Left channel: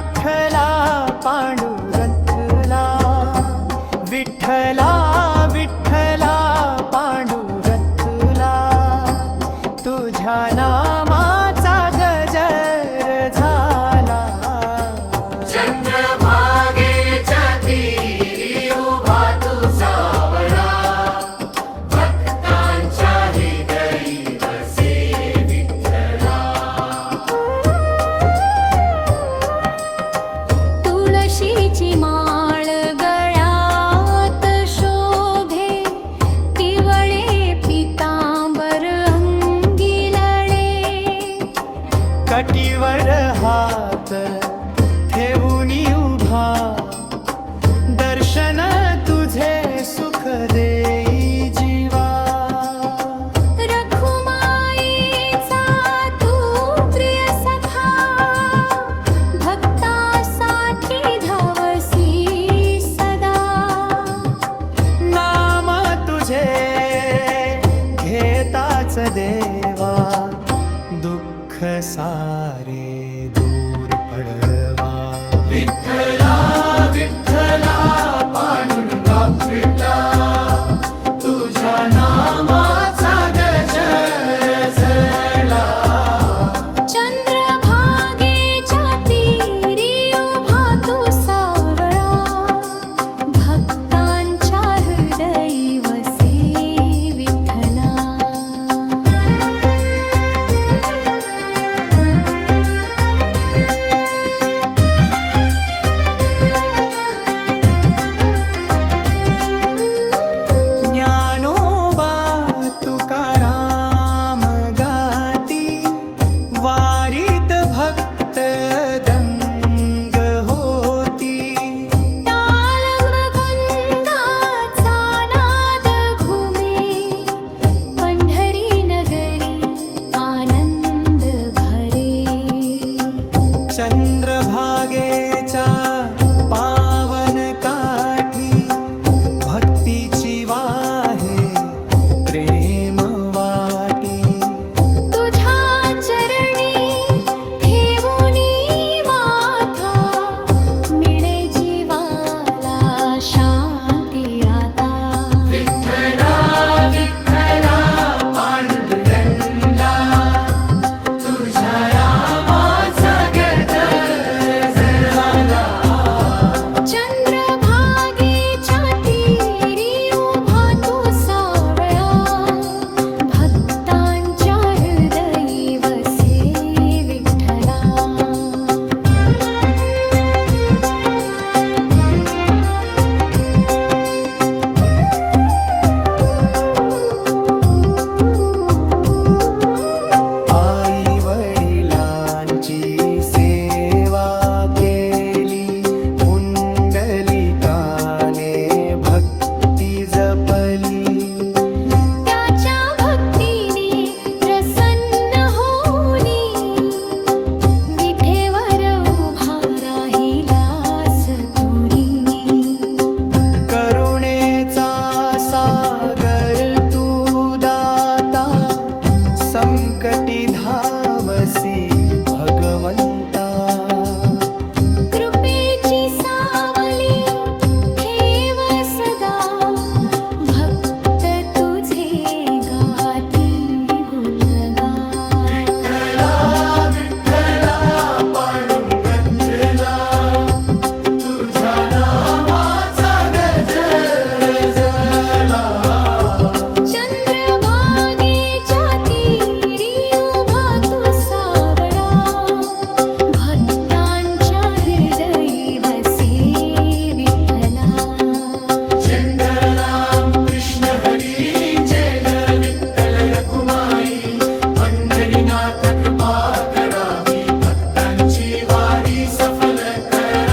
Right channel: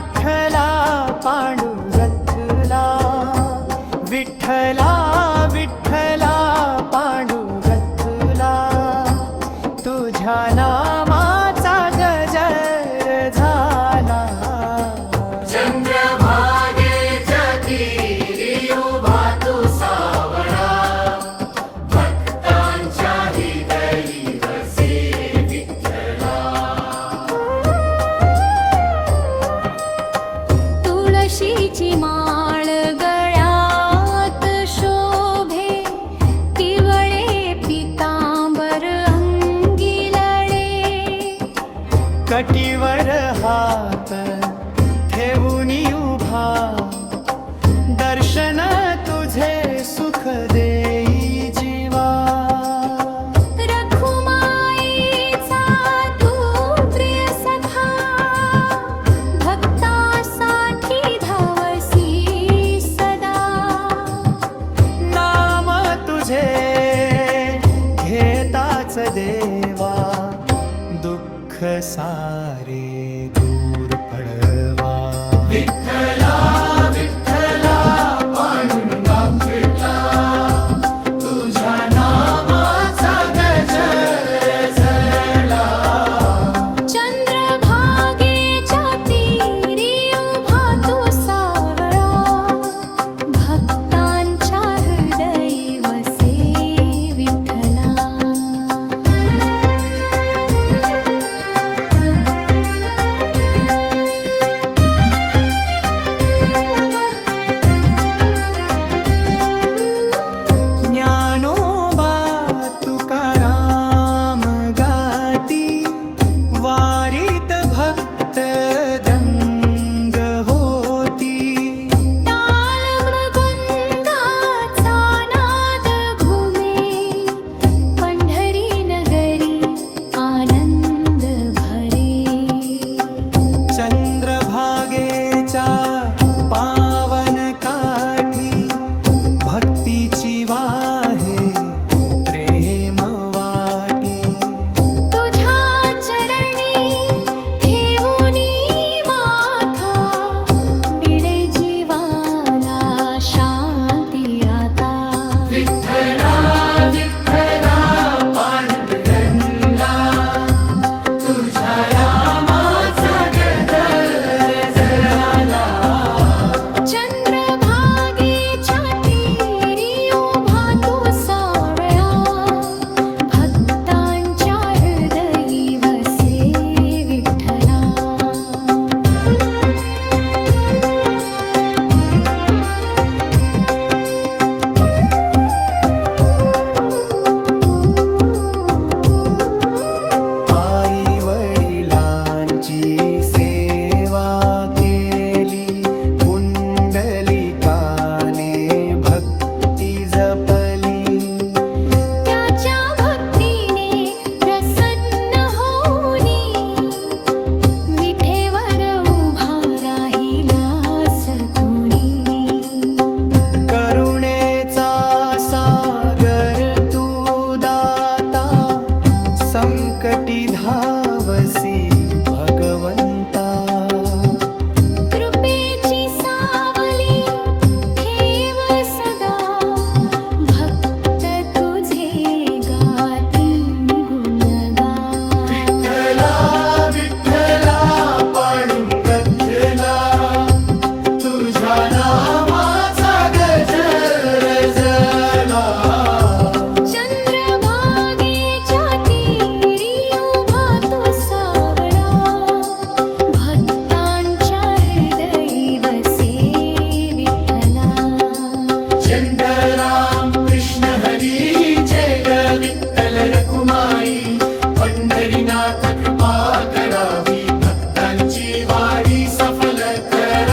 विठ्ठला पांडुरंगला, विठ्ठला विठ्ठला पांडुरंगला, तुझ्या नामाचा गजर झाला. चंद्रभागेच्या तीरी उभा तू सावळा, भक्तांच्या हृदयी वसे विठ्ठला. तुळशीची माळ गळ्यात शोभे, पिवळे पितांबर अंगी लळे, कटीवर हात ठेवून उभा, दर्शन तुझे सुख देई जीवा. रखुमाईचा तू प्रिय सखा, भक्तासाठी धावसी सदा. नाम तुझे घेताच देवा, दुःख सारे दूर पडवा. विठ्ठला विठ्ठला पांडुरंगा विठ्ठला, तुझ्या नामाचा गजर झाला. चंद्रभागेच्या तीरी उभा तू सावळा, भक्तांच्या हृदयी वसे विठ्ठला. ज्ञानोबा तुकाराम गाती, वारीत भक्त दंग होती. ताल मृदंगाचा नाद घुमे, पंढरी नगरी आनंद भरे. चंद्रभागेच्या पावन काठी, भक्तीची वाहे प्रेम वाटी. तुझ्या चरणी ठेवूनी माथा, मिळे जीवाला शांती आता. विठ्ठला विठ्ठला पांडुरंगला, तुझ्या नामाचा गजर झाला. चंद्रभागेच्या तीरी उभा तू सावळा, भक्तांच्या हृदयी वसे विठ्ठला. आई वडिलांची सेवा केली, पुंडलिकाने भक्ती जपली. त्याच्या भक्तीने प्रसन्न होनी, विठेवर उभा राहिलास तुनी. करुणेचा सागर तू दाता, संकटी धावसी भगवंता. कृपेची सावली ठेव सदा, भक्त तुझे गाती गुणगान. विठ्ठला विठ्ठला पांडुरंगला, तुझ्या नामाचा गजर झाला. चंद्रभागेच्या तीरी उभा तू सावळा, भक्तांच्या हृदयी वसे विठ्ठला. चंद्रराम कृष्ण हरी जय ग विठ्ठल रखुमाई, पंढरीनाथ कृपा करावी, भक्तांची वारी सफल करा.